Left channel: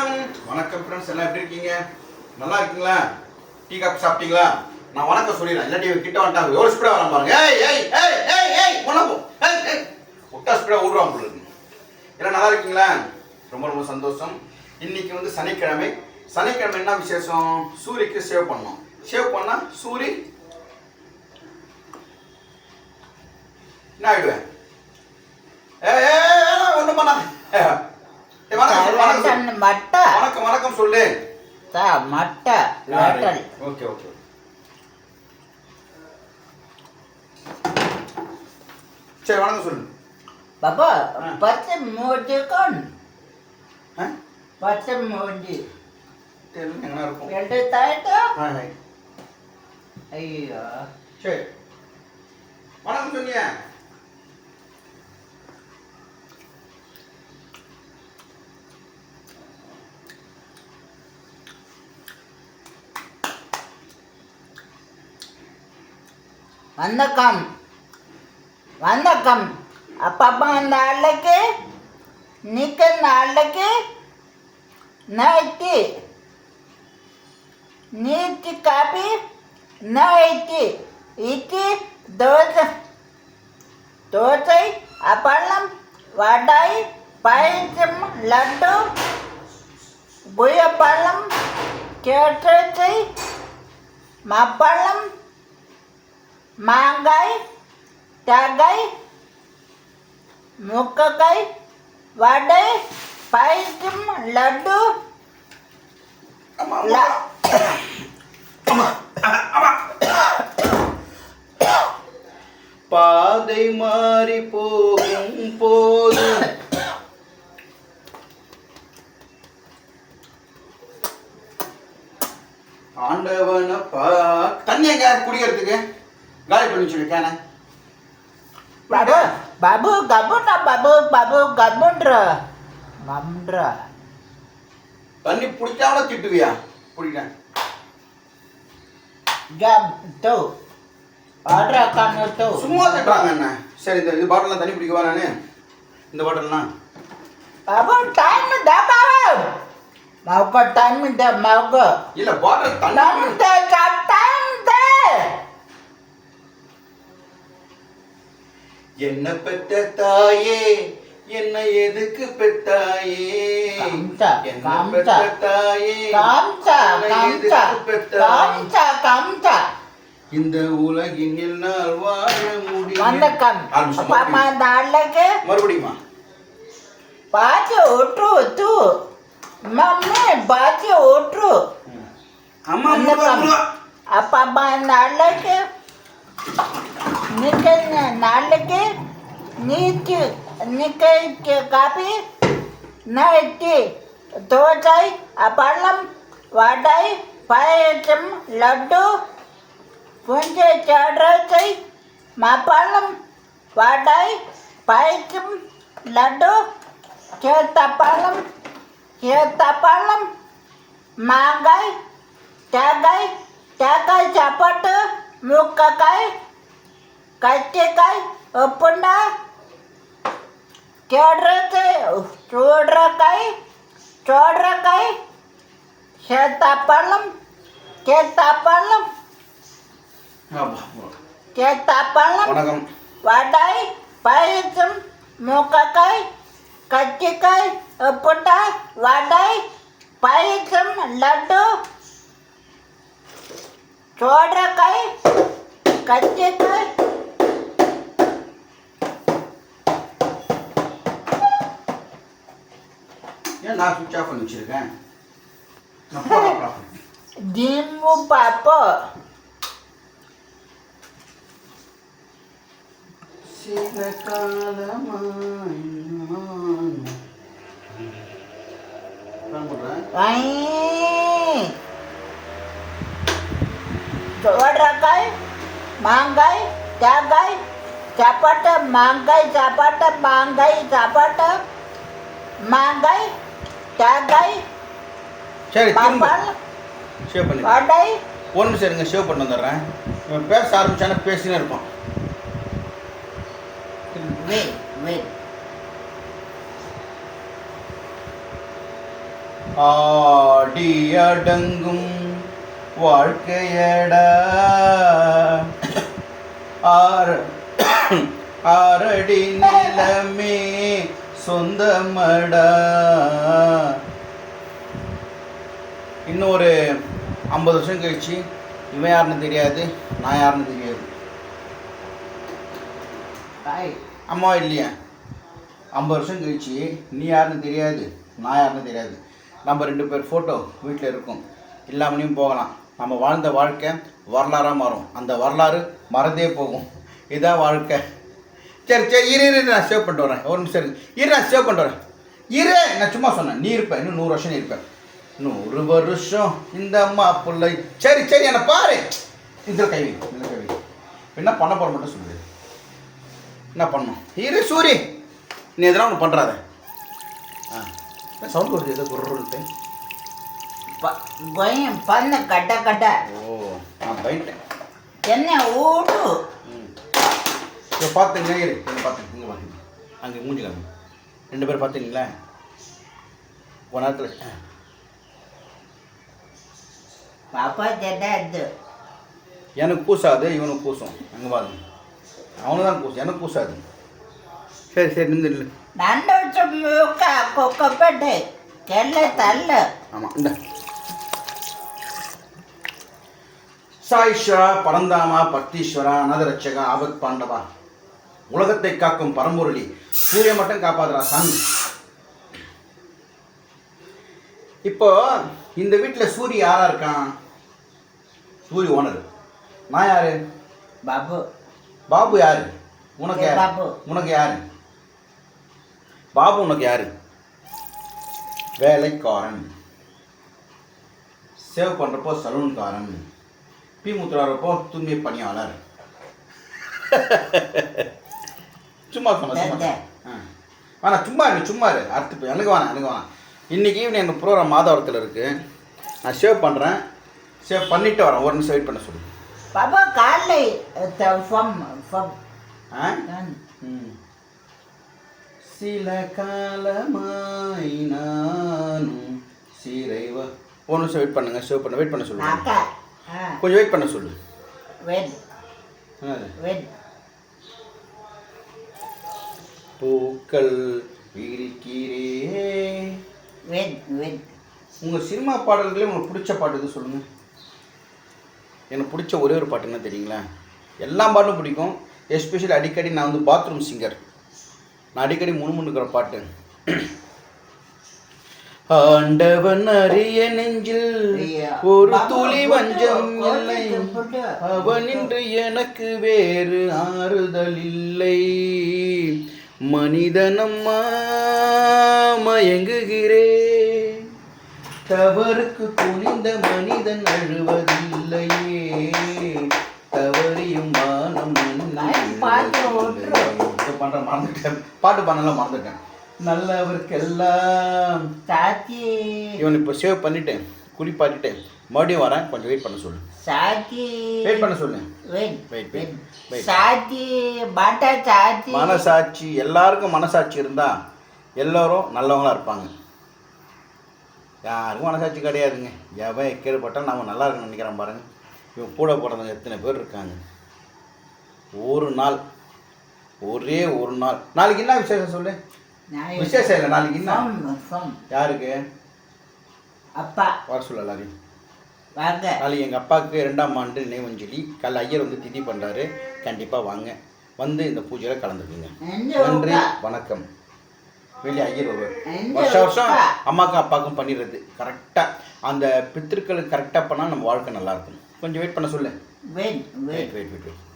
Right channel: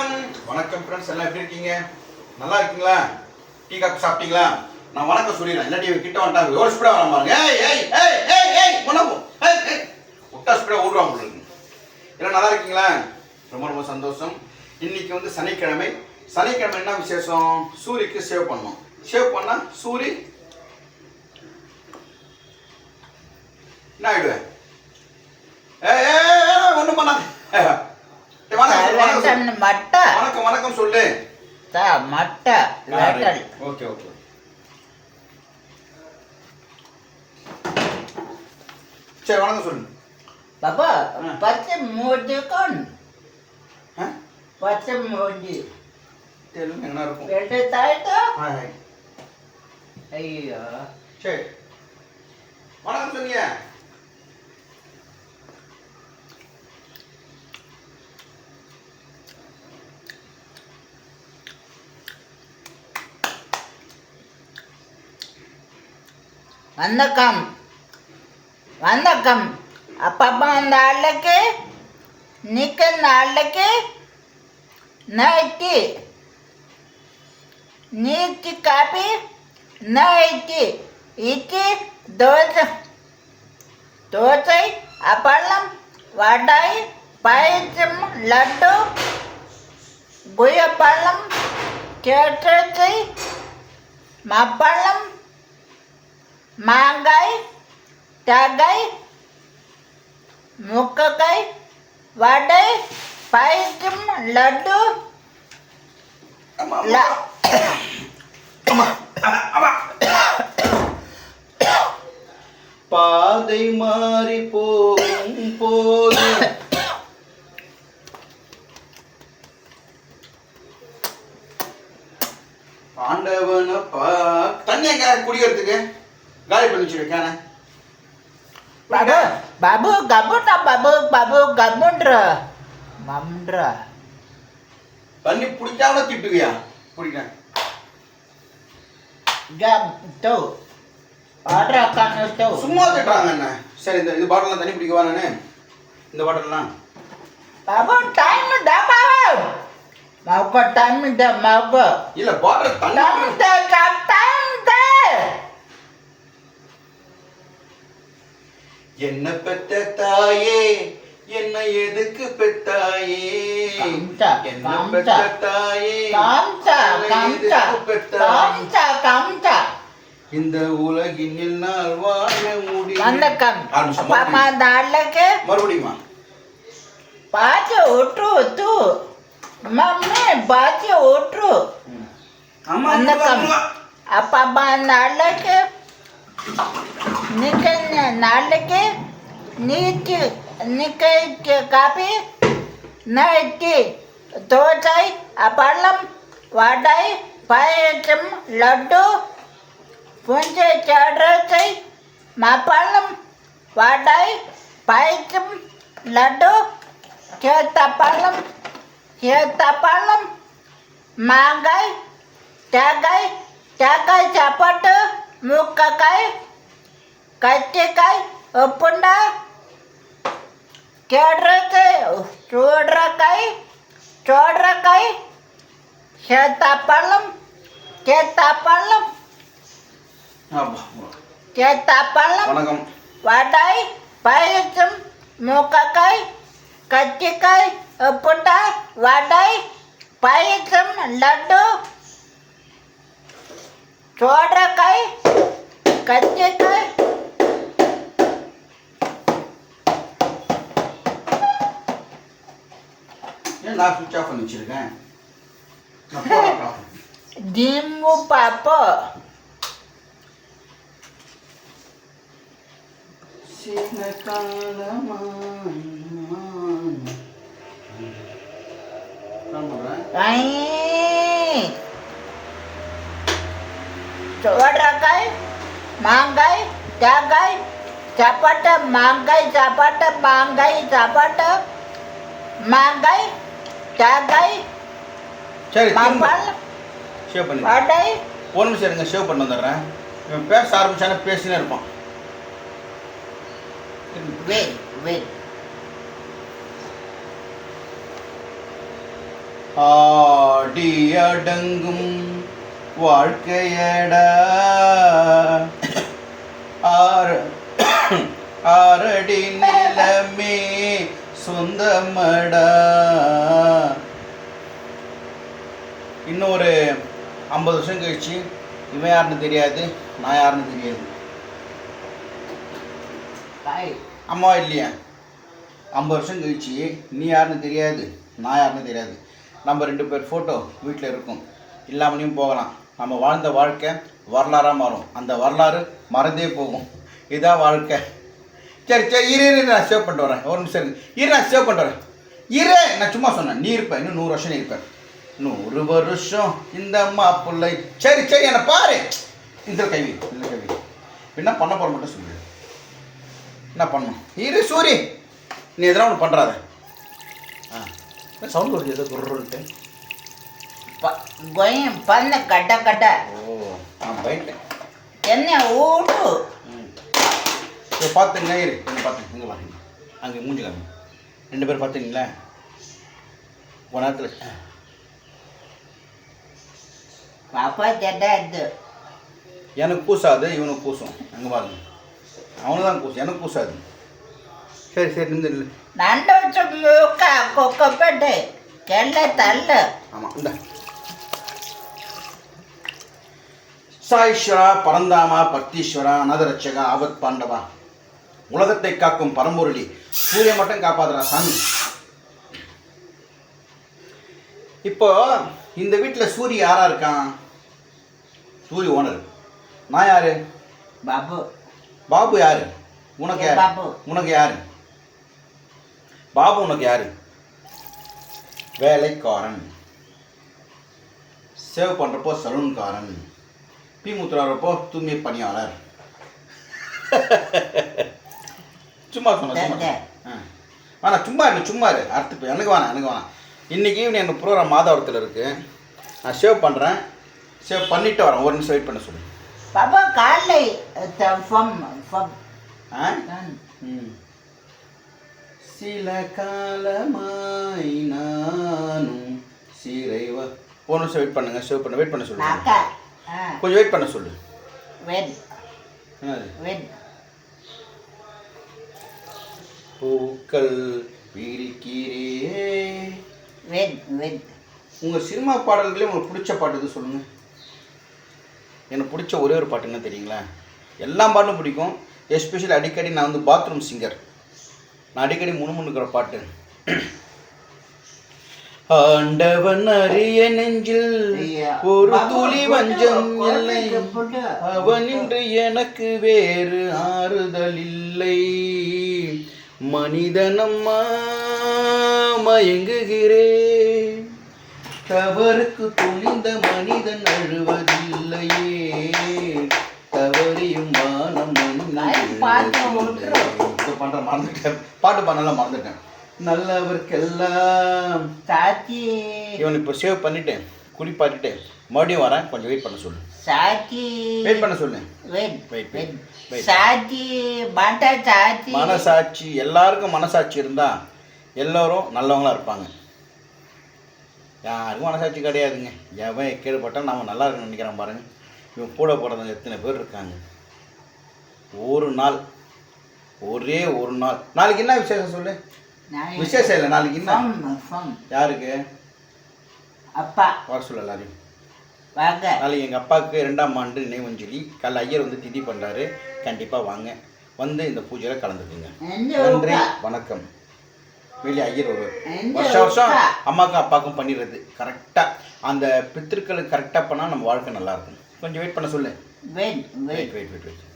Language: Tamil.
வணக்கம். வணக்கம் ஃப்ரெண்ட்ஸ் எல்லாம் எப்படி இருக்கீங்க? நல்லா இருக்கீங்களா? டீ காப்பி சாப்பிட்டீங்களா? நான் வணக்கம் சொல்லிடுறேன். இல்லாட்டி கிட்ட வந்துட்டாங்க எவ்வளோ ஸ்பீடாக வர பாருங்க. ஏய் ஏய் ஏய் ஏய் ஏய் ஏய் ஏய். விட்டா ஸ்பீடாக ஓடுவாங்க உங்களுக்கு எல்லாம் நல்லா இருக்கீங்களா? ரொம்ப ரொம்ப சந்தோஷம். இன்னைக்கு வந்து சனிக்கிழமை. சனிக்கிழமை என்ன விசேஷம்? சூரிக்கு சேவ் பண்ணோம் சேவ் பண்ணா சூரி என்ன ஆயிடுவேன் ஏய் ஏய் ஒன்றும் பண்ணாங்க வணக்கம் மட்ட. வணக்கம் வணக்கம் சொல்லு. த மட்ட. லண்டன் ஓகே ஓகே சரி வணக்கம் சொல்லு. பாபா ஆ. பச்சை மூடி ஆ? பச்சை மூடி தெலுங்கு என்ன இருக்கும்? ரெண்டு ஆ. ஐயோ. சரி. வணக்கம் சொல்லுங்க. வணக்கம். வணக்கம். அப்பப்போ அந்த ஆளுக்கு நிற்க இந்த ஆளுக்கு நைட்டி. நீட்டி காப்பி நைட்டி. இட்லி தோசை. தோசை அப்பளம் வடை பயிற்சம் லட்டு குயப்பழம் கேட்டை மப்பழம் மாங்காய் தேங்காய் முக்கக்காய் வடை பாயசம் லட்டு பாதை மாறி போகும் போது ஆண்டவனை பா தண்ணி எங்க குடிக்கிறதுக்கு. காலி பண்ணி சொல்லு கேன பாபு பாபு கபுண்டா பாபு பாபு கபுன்ற நம்ன்ற தண்ணி பிடிக்காம திட்டுவியா பிடிக்கிறேன் கப் டோ ஆர்டர் அக்கான டோ சும்மா திட்டுறாங்க என்ன சரி இந்த இது பாட்டிலாம் தண்ணி பிடிக்கவா நானு இந்த பாட்டிலாம் பாபு டைம் டா பாபு மாவுக்கு டைம் டா மாவுக்கு இல்லை பாட்டில் டைம் டா டைம் என்ன பெற்ற தாயே? என்ன எதுக்கு பெற்றாயே? என்ன பெற்ற தாயே? பெற்றாயே? இந்த உலகின் என்னால் வாழ முடியும் வணக்கம். பாப்பா தாளக்கு மறுபடியுமா. பாத்தி ஓட்டு தூ மம்மி பாத்தி ஓட்டு வணக்கம். அப்பா பா நாளைக்கு நிக்க நாளைக்கு நீட்டு நிக்க காப்பி நைட்டி தோசை அப்பளம் வடை பாயசம் லட்டு புஞ்சை சடரசை மாப்பழம் வடை பாயசம் லட்டு கேத்தப்பழம் கேத்தப்பழம் மாங்காய் தேங்காய் தேங்காய் சாப்பாட்டு முக்கக்காய் काय ते काय पंडा चढरा काय चोडरा काय चोडरा काय हे तापालं ते तापालं ते तापालं వాటాయి పాయసం మూకకాయ కత్తికాయ పుట్ట వాటాయి పాయసం లడ్డు చోడకాయ కత్తికాయ நான் சுவிட்ச் ஆஃப் பண்ணி வச்சிருக்கேன் நான் போன் ஆஃப் பண்ணேன். திம்மு பாப்போ சில காலமா பண்ணுறேன் வை சோடக்காய் மாங்காய் தேங்காய் சாப்பாட்டு மாங்காய் சாப்பாட்டு மாங்காய் சாப்பாட்டு மாங்காய் தேங்காய் சரி சேவ் பண்ணி வடை ஒரு நிமிஷம் இருங்க சேவ் பண்ணி வந்துடுறேன். பேச ஆரம்பிச்சானா பேசினே இருப்பான். வெயிட் வெயிட் ஆடி அடங்கும் வாழ்க்கையடா. ஆறு ஆறடி நிலமே சொந்தமடா. இன்னும் ஒரு ஐம்பது வருஷம் கழிச்சு இவன் யாருன்னு தெரியாது நான் யாருன்னு தெரியாது. அம்மா இல்லையா? ஐம்பது வருஷம் கழிச்சு நீ யாருன்னு தெரியாது நான் யாருன்னு தெரியாது. நம்ம ரெண்டு பேர் ஃபோட்டோ வீட்டில் இருக்கும். இல்லாமலையும் போகலாம். நம்ம வாழ்ந்த வாழ்க்கை வரலாறாக மாறும். அந்த வரலாறு மறந்தே போகும். இதுதான் வாழ்க்கை. சரி சரி இரு இரு நான் சேவ் பண்ணிட்டு வரேன். ஒரு நிமிஷம் இரு. நான் சேவ் பண்ணிட்டு வரேன். இரு நான் சும்மா சொன்னேன். நீ இருப்ப. இன்னும் நூறு வருஷம் நீ இருப்ப. நூறு வருஷம் இந்த அம்மா பிள்ளை. சரி சரி என்னை பாரு. இதில் கைவி இதில் கைவி என்ன பண்ண போகிற மட்டும் சொல்லு. என்ன பண்ணும் இரு சூரி. நீ எதனா ஒன்று பண்ணுறாத ஆ. சவுண்ட் வருது? ஏதோ குருன்ட்டு கொயம் பண்ண கட்ட கட்ட. ஓ நான் போயிட்டேன் என்ன ஓடு. ம். இப்போ பார்த்துங்க இரு இங்கே பார்த்து இங்கே பாருங்க. அங்கே மூஞ்சி காமி. ரெண்டு பேரும் பார்த்துங்களா ஒரு நேரத்தில் பாப்பா ஜெட்டா இது எனக்கு கூசாது இவனுக்கு கூசும் அங்கே பாருங்க. அவனு தான் கூசும் எனக்கு கூசாது சரி சரி நின்று நில்லு. நண்டு வச்சுக்க கொக்கப்பட்டு கெல்ல தள்ள. ஆமாம் இந்த. சாயிஸ்வரா பரந்தாமா பக்தீஸ்வரா அனதரட்சகா ஆபத் பாண்டவா. உலகத்தை காக்கும் பரம்பொருளி. சூரிய மட்டும் காப்பாதுடா சாமி. இப்போ இந்த வீட்டில் சூரி யாரா இருக்கான்? சூரி ஓனர். நான் யாரு? பாபு. பாபு யாரு? உனக்கு யாரு? பாபு. உனக்கு யாரு? பாபு உனக்கு யாரு? வேலைக்காரன். சேவ் பண்ணுறப்போ சலூன்காரன். பி முத்துறாரப்போ தூய்மை பணியாளர். சும்மா சொன்ன சும்மா வேணாம் சும்மா இரு சும்மா இரு அடுத்து போய் எனக்கு வேணாம் எனக்கு வேணாம் இன்றைக்கி ஈவினிங் எனக்கு ப்ரோக்ராம் மாதவரத்தில் இருக்குது நான் சேவ் பண்ணுறேன் சேவ் பண்ணிவிட்டு வரேன். ஒரு நிமிஷம் வெயிட் பண்ண சொல்லு. பாபா காலை ஃபம் ஃபம் ஆ? ம். சில காலமாய் நானும் சிறைவ ஒரு நிமிஷம் வெயிட் பண்ணுங்க சேவ் பண்ண வெயிட் பண்ண ஆ. கொஞ்சம் வெயிட் பண்ண சொல்லு. வெட் என்னது? வெட் பூக்கள் விரிக்கிறே வெட் வெட் உங்கள் சினிமா பாடல்களே உங்களுக்கு பிடிச்ச பாட்டு எது சொல்லுங்கள் எனக்கு பிடிச்ச ஒரே ஒரு பாட்டு என்ன தெரியுங்களா? எல்லா பாட்டும் பிடிக்கும். எஸ்பெஷலி அடிக்கடி நான் வந்து பாத்ரூம் சிங்கர் நான் அடிக்கடி முணுமுணுக்கிற பாட்டு. ஆண்டவன் அரிய நெஞ்சில் ஒரு துளி வஞ்சம் இல்லை. அவனின்று எனக்கு வேறு ஆறுதல் இல்லை. மனிதனம்மா மயங்குகிறே. தவறுக்கு துணிந்த மனிதன் அழுவதில்லையே. தவறியும் ஓட்டுறோம். பண்ற மறந்துட்டேன். பாட்டு பண்ணலாம் மறந்துட்டேன். நல்லவருக்கெல்லாம் இவன் இப்போ சேவ் பண்ணிட்டேன். குளிப்பாட்டிட்டேன் மறுபடியும் வரேன். கொஞ்சம் வெயிட் பண்ண சொல்லு. சாச்சி வெயிட் பண்ண சொல்லு. Wait, wait. சாச்சி பாட்டா சாச்சி மனசாட்சி எல்லாருக்கும் மனசாட்சி இருந்தா எல்லோரும் நல்லவங்களா இருப்பாங்க. யாருக்கும் மனசாட்சி கிடையாதுங்க. எவன் கேடுபட்டால் நம்ம நல்லா இருக்குன்னு நினைக்கிறான் பாருங்க. இவன் கூட பிறந்தவங்க எத்தனை பேர் இருக்காங்க? ஒரு நாள். ஒரே ஒரு நாள். நாளைக்கு என்ன விசேஷம் சொல்லு? விசேஷம் இல்லை நாளைக்கு என்ன? யாருக்கு? அப்பா. வர சொல்ல எல்லாரையும். வாங்க. நாளைக்கு எங்கள் அப்பாவுக்கு ரெண்டாம் ஆண்டு நினைவஞ்சலி கல் ஐயர் வந்து திதி பண்ணுறாரு கண்டிப்பாக வாங்க. வந்து இந்த பூஜையில் கலந்துக்குங்க. நன்றி? வணக்கம். வெளியே ஐயர் ஒரு எந்த வருஷம் வருஷம்? அம்மாக்கும் அப்பாவுக்கும் பண்ணிடுறது. கரெக்டாக அந்த பித்திருக்களுக்கு கரெக்டாக பண்ணால் நம்ம வாழ்க்கை நல்லா இருக்கும். கொஞ்சம் வெயிட் பண்ண சொல்லு. Wait wait wait wait